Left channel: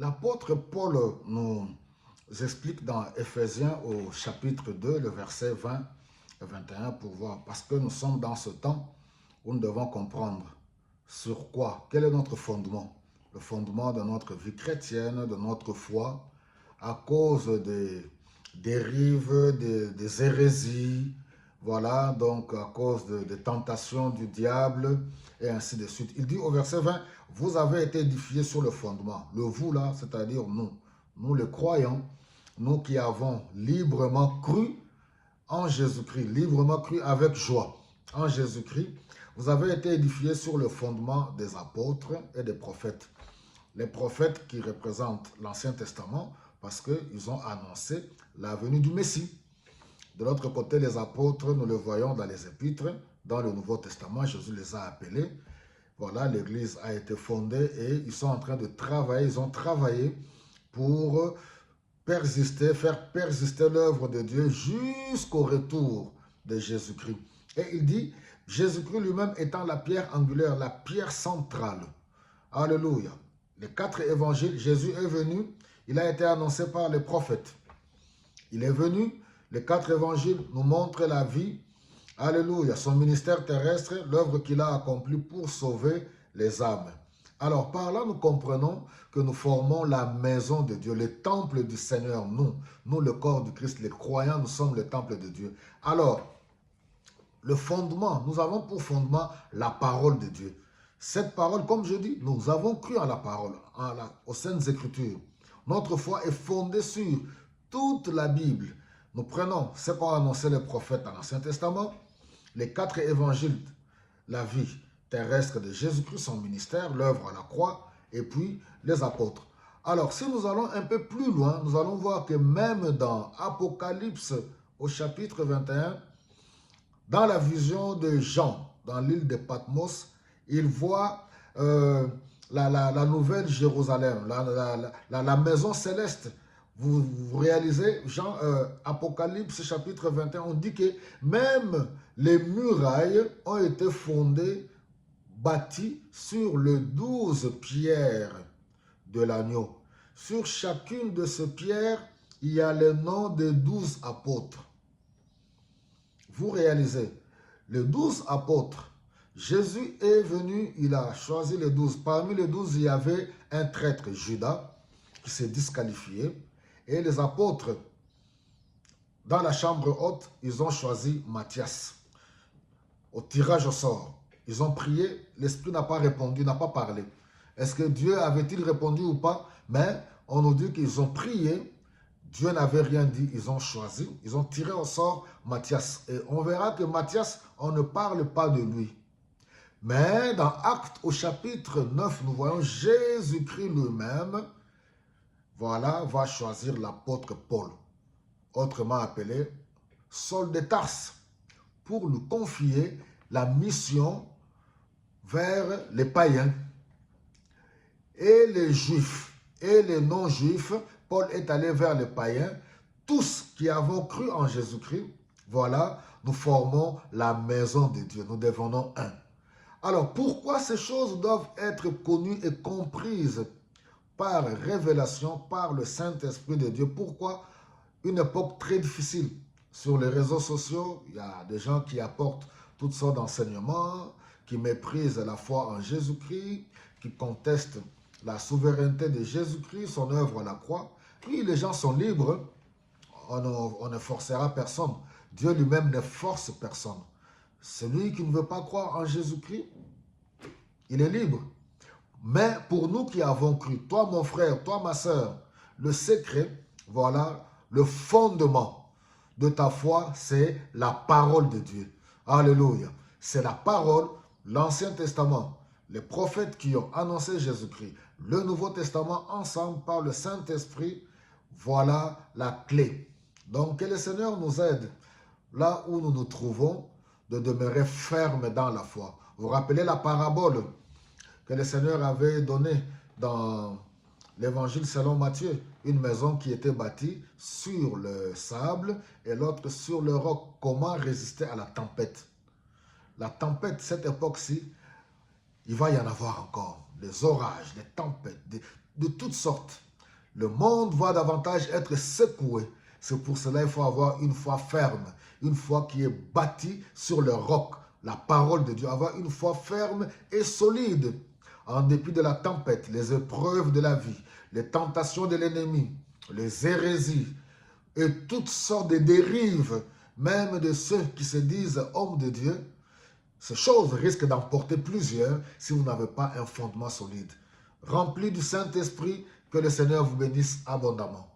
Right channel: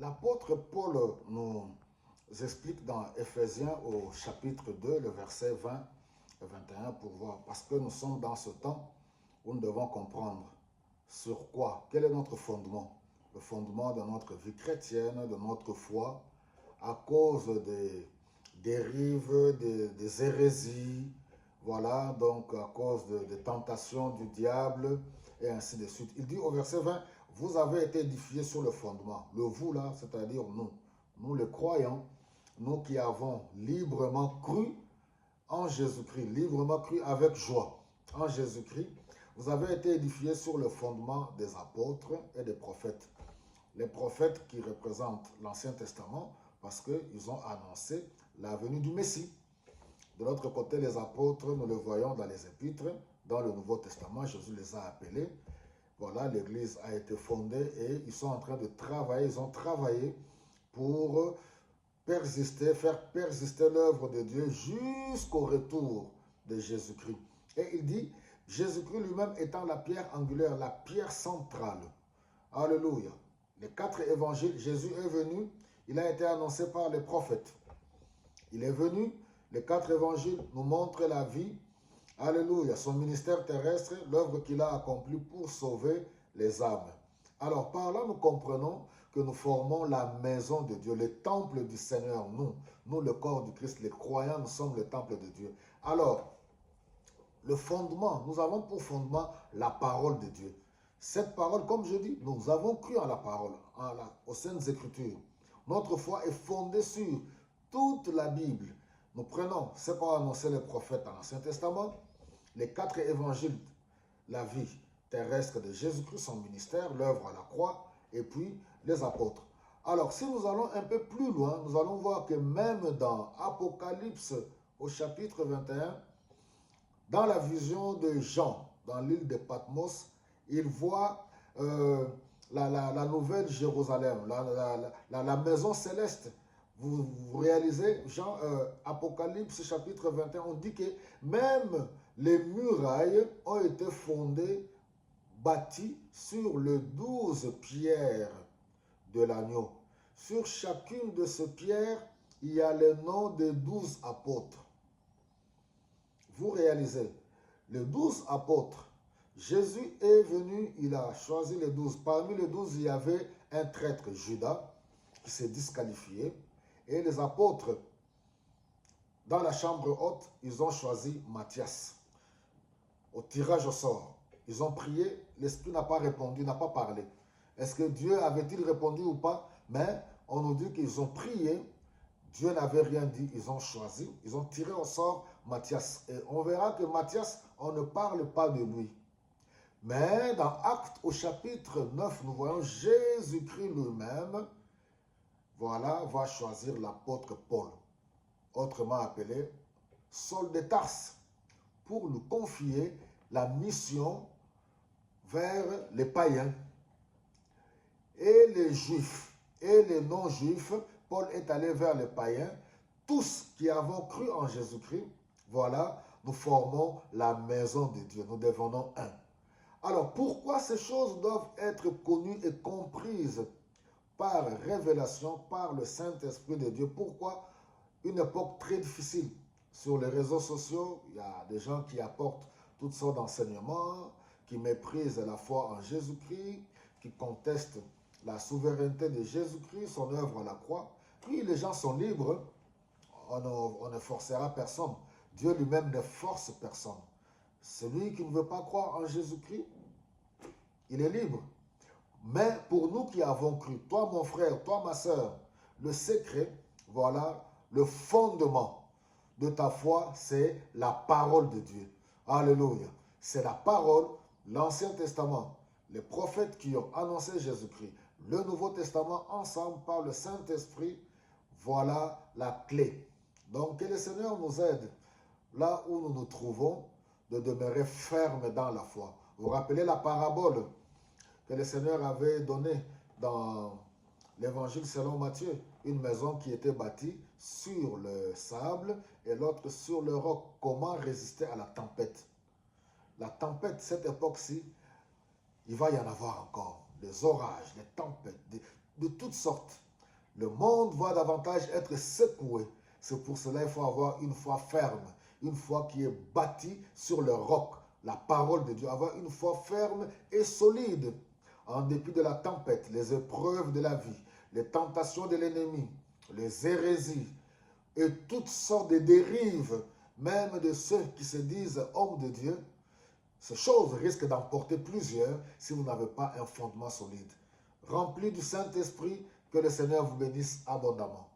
L'apôtre Paul nous explique dans Éphésiens au chapitre 2, le verset 20 et 21 pour voir, parce que nous sommes dans ce temps où nous devons comprendre sur quoi, quel est notre fondement, le fondement de notre vie chrétienne, de notre foi, à cause des dérives, des hérésies, voilà, donc à cause des tentations du diable, et ainsi de suite. Il dit au verset 20, vous avez été édifiés sur le fondement. Le vous là, c'est-à-dire nous les croyants, nous qui avons librement cru en Jésus-Christ, librement cru avec joie en Jésus-Christ, vous avez été édifiés sur le fondement des apôtres et des prophètes. Les prophètes qui représentent l'Ancien Testament parce qu'ils ont annoncé la venue du Messie. De l'autre côté, les apôtres, nous le voyons dans les épîtres, dans le Nouveau Testament, Jésus les a appelés. Voilà, l'Église a été fondée et ils sont en train de travailler, ils ont travaillé pour persister, faire persister l'œuvre de Dieu jusqu'au retour de Jésus-Christ. Et il dit, Jésus-Christ lui-même étant la pierre angulaire, la pierre centrale. Alléluia. Les 4 évangiles, Jésus est venu, il a été annoncé par les prophètes. Il est venu, les 4 évangiles nous montrent la vie, alléluia, son ministère terrestre, l'œuvre qu'il a accomplie pour sauver les âmes. Alors par là, nous comprenons que nous formons la maison de Dieu, le temple du Seigneur, nous le corps du Christ, les croyants, nous sommes le temple de Dieu. Alors, le fondement, nous avons pour fondement la parole de Dieu. Cette parole, comme je dis, nous avons cru en la parole, aux Saintes Écritures. Notre foi est fondée sur toute la Bible. Nous prenons ce qu'ont annoncé les prophètes dans l'Ancien Testament, les 4 évangiles, la vie terrestre de Jésus-Christ, son ministère, l'œuvre à la croix, et puis les apôtres. Alors, si nous allons un peu plus loin, nous allons voir que même dans Apocalypse, au chapitre 21, dans la vision de Jean, dans l'île de Patmos, il voit la nouvelle Jérusalem, la maison céleste. Vous réalisez, Jean, Apocalypse chapitre 21, on dit que même les murailles ont été fondées, bâties sur les 12 pierres de l'agneau. Sur chacune de ces pierres, il y a le nom des 12 apôtres. Vous réalisez, les 12 apôtres, Jésus est venu, il a choisi les 12. Parmi les 12, il y avait un traître, Judas, qui s'est disqualifié. Et les apôtres, dans la chambre haute, ils ont choisi Matthias. Au tirage au sort, ils ont prié, l'Esprit n'a pas répondu, n'a pas parlé. Est-ce que Dieu avait-il répondu ou pas? Mais on nous dit qu'ils ont prié, Dieu n'avait rien dit, ils ont choisi, ils ont tiré au sort Matthias. Et on verra que Matthias, on ne parle pas de lui. Mais dans Actes au chapitre 9, nous voyons Jésus-Christ lui-même, voilà, va choisir l'apôtre Paul, autrement appelé Saul de Tarse, pour nous confier la mission vers les païens et les juifs et les non-juifs. Paul est allé vers les païens, tous qui avons cru en Jésus-Christ. Voilà, nous formons la maison de Dieu, nous devenons un. Alors, pourquoi ces choses doivent être connues et comprises par révélation, par le Saint-Esprit de Dieu? Pourquoi une époque très difficile? Sur les réseaux sociaux, il y a des gens qui apportent toutes sortes d'enseignements, qui méprisent la foi en Jésus-Christ, qui contestent la souveraineté de Jésus-Christ, son œuvre à la croix. Oui, les gens sont libres, on ne forcera personne. Dieu lui-même ne force personne. Celui qui ne veut pas croire en Jésus-Christ, il est libre. Mais pour nous qui avons cru, toi mon frère, toi ma soeur, le secret, voilà, le fondement de ta foi, c'est la parole de Dieu. Alléluia. C'est la parole, l'Ancien Testament, les prophètes qui ont annoncé Jésus-Christ, le Nouveau Testament, ensemble par le Saint-Esprit, voilà la clé. Donc que le Seigneur nous aide, là où nous nous trouvons, de demeurer fermes dans la foi. Vous vous rappelez la parabole que le Seigneur avait donnée dans l'évangile selon Matthieu, une maison qui était bâtie sur le sable et l'autre sur le roc. Comment résister à la tempête? La tempête, cette époque-ci, il va y en avoir encore. Des orages, des tempêtes, de toutes sortes. Le monde va davantage être secoué. C'est pour cela qu'il faut avoir une foi ferme, une foi qui est bâtie sur le roc, la parole de Dieu. Avoir une foi ferme et solide, en dépit de la tempête, les épreuves de la vie, les tentations de l'ennemi, les hérésies et toutes sortes de dérives, même de ceux qui se disent hommes de Dieu. Ces choses risquent d'emporter plusieurs si vous n'avez pas un fondement solide. Rempli du Saint-Esprit, que le Seigneur vous bénisse abondamment.